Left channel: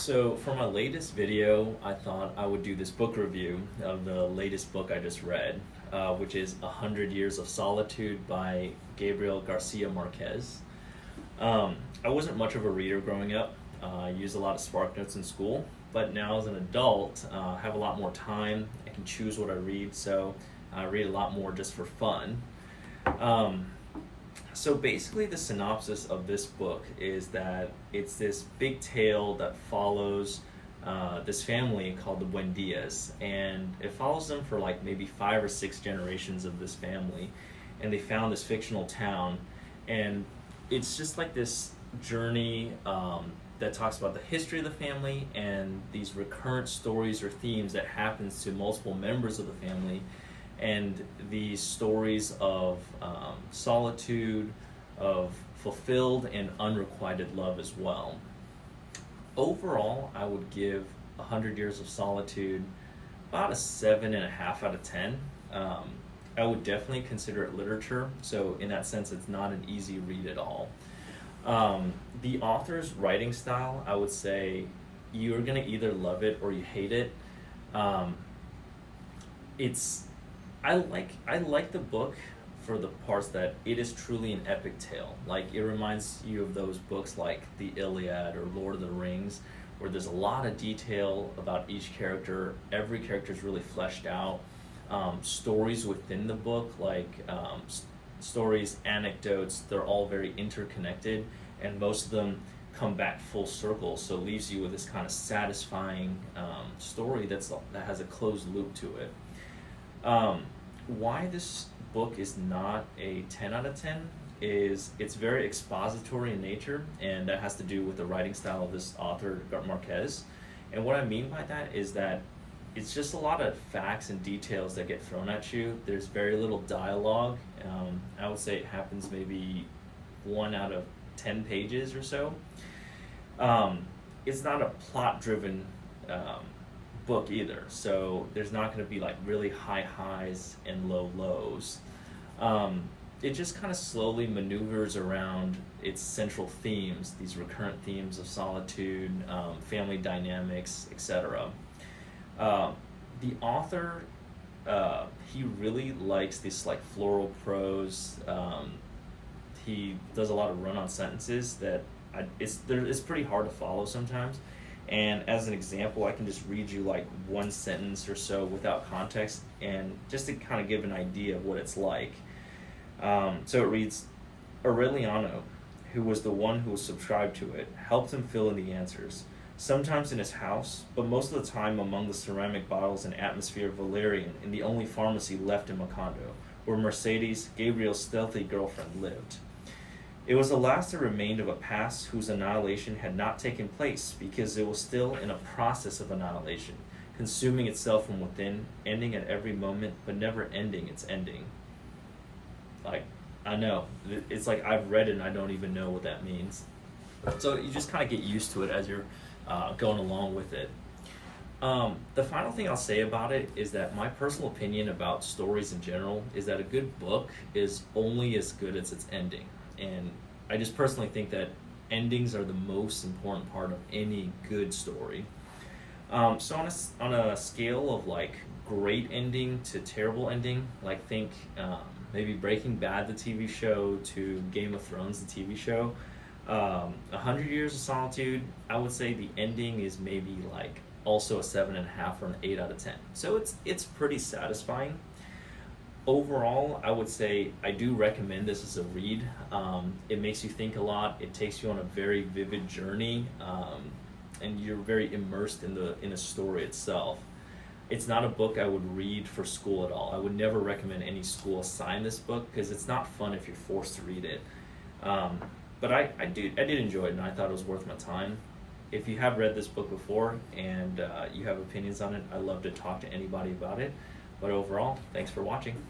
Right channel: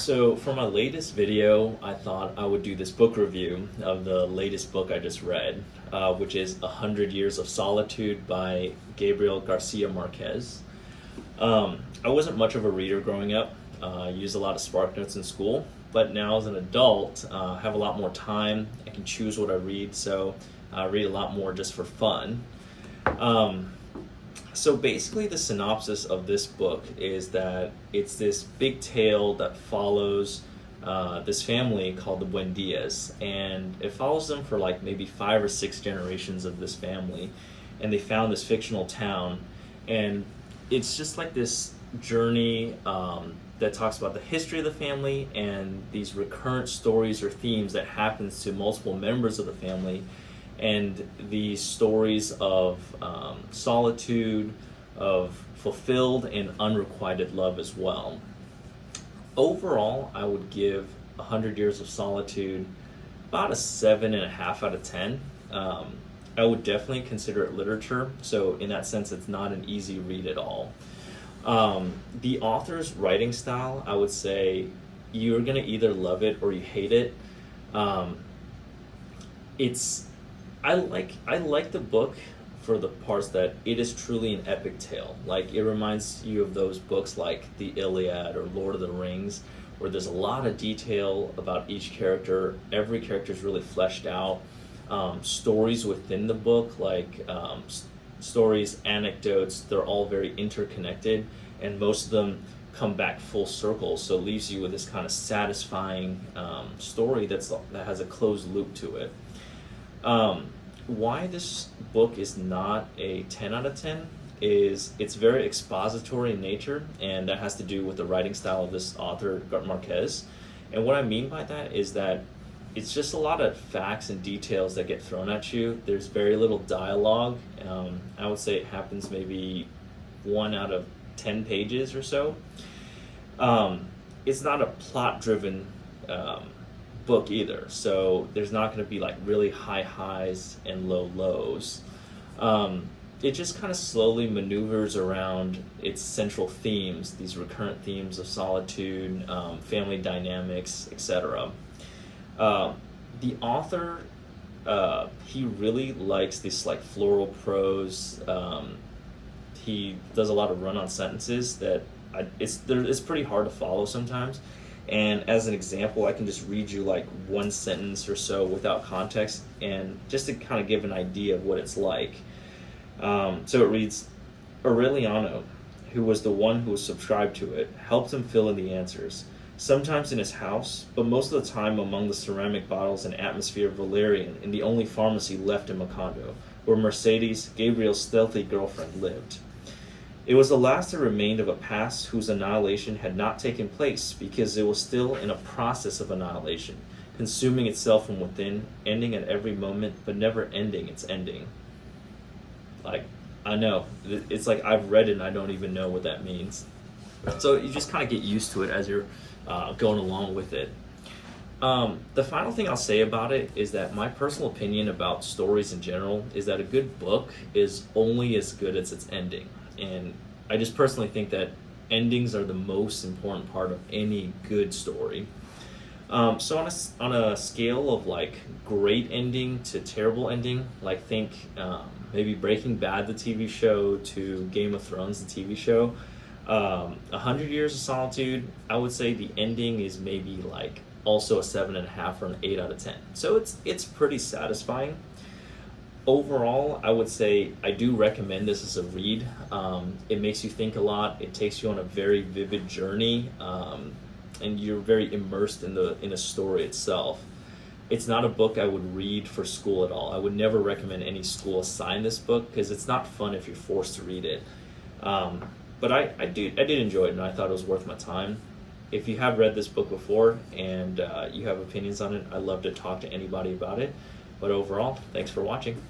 So for my latest video, I thought I would do this book review of the latest book I just read, which is 100 Years of Solitude by Gabriel Garcia Marquez. I wasn't much of a reader growing up. I used a lot of Spark Notes in school, but now as an adult, I have a lot more time. I can choose what I read, so I read a lot more just for fun. So basically the synopsis of this book is that it's this big tale that follows this family called the Buendias, and it follows them for like maybe 5 or 6 generations of this family, and they found this fictional town, and it's just like this journey that talks about the history of the family and these recurrent stories or themes that happens to multiple members of the family, and these stories of solitude, of fulfilled and unrequited love as well. Overall, I would give 100 Years of Solitude about a 7.5 out of 10. I would definitely consider it literature, so in that sense, it's not an easy read at all. The author's writing style, I would say you're gonna either love it or you hate it. I like the book for the parts that it is truly an epic tale. Like, it reminds you of those books like the Iliad or Lord of the Rings, where there's a lot of detail about each character. Every character is really fleshed out. Stories within the book, like stories, anecdotes, they're all very interconnected, and most of them come back full circle, so it leaves you with this kind of satisfying story that has a closed loop to it. Why this book is not a 10 out of 10 is it's very expository in nature, and that has to do with the writing style of this author, Marquez. And what I mean by that is that it's just a lot of facts and details that get thrown at you. There's very little dialogue. I would say it happens maybe 1 out of 10 pages or so. It's not a plot-driven book either, so there's not going to be like really high highs and low lows. It just kind of slowly maneuvers around its central themes, these recurrent themes of solitude, family dynamics, etc. The author, he really likes this like floral prose. He does a lot of run-on sentences that it's pretty hard to follow sometimes. And as an example, I can just read you like one sentence or so without context, and just to kind of give an idea of what it's like. So it reads, Aureliano, who was the one who was subscribed to it, helped him fill in the answers, sometimes in his house, but most of the time among the ceramic bottles and atmosphere of Valerian in the only pharmacy left in Macondo, where Mercedes, Gabriel's stealthy girlfriend, lived. It was the last that remained of a past whose annihilation had not taken place because it was still in a process of annihilation, consuming itself from within, ending at every moment, but never ending its ending. Like, I know, it's like I've read it and I don't even know what that means. So you just kind of get used to it as you're going along with it. The final thing I'll say about it is that my personal opinion about stories in general is that a good book is only as good as its ending. And I just personally think that endings are the most important part of any good story. So on a scale of like great ending to terrible ending, like think maybe Breaking Bad, the TV show, to Game of Thrones, the TV show, 100 Years of Solitude, I would say the ending is maybe like also a 7.5 or an 8 out of 10. So it's pretty satisfying. Overall, I would say I do recommend this as a read. It makes you think a lot. It takes you on a very vivid journey, and you're very immersed in a story itself. It's not a book I would read for school at all. I would never recommend any school assign this book because it's not fun if you're forced to read it. But I did enjoy it, and I thought it was worth my time. If you have read this book before and you have opinions on it, I'd love to talk to anybody about it. But overall, thanks for watching.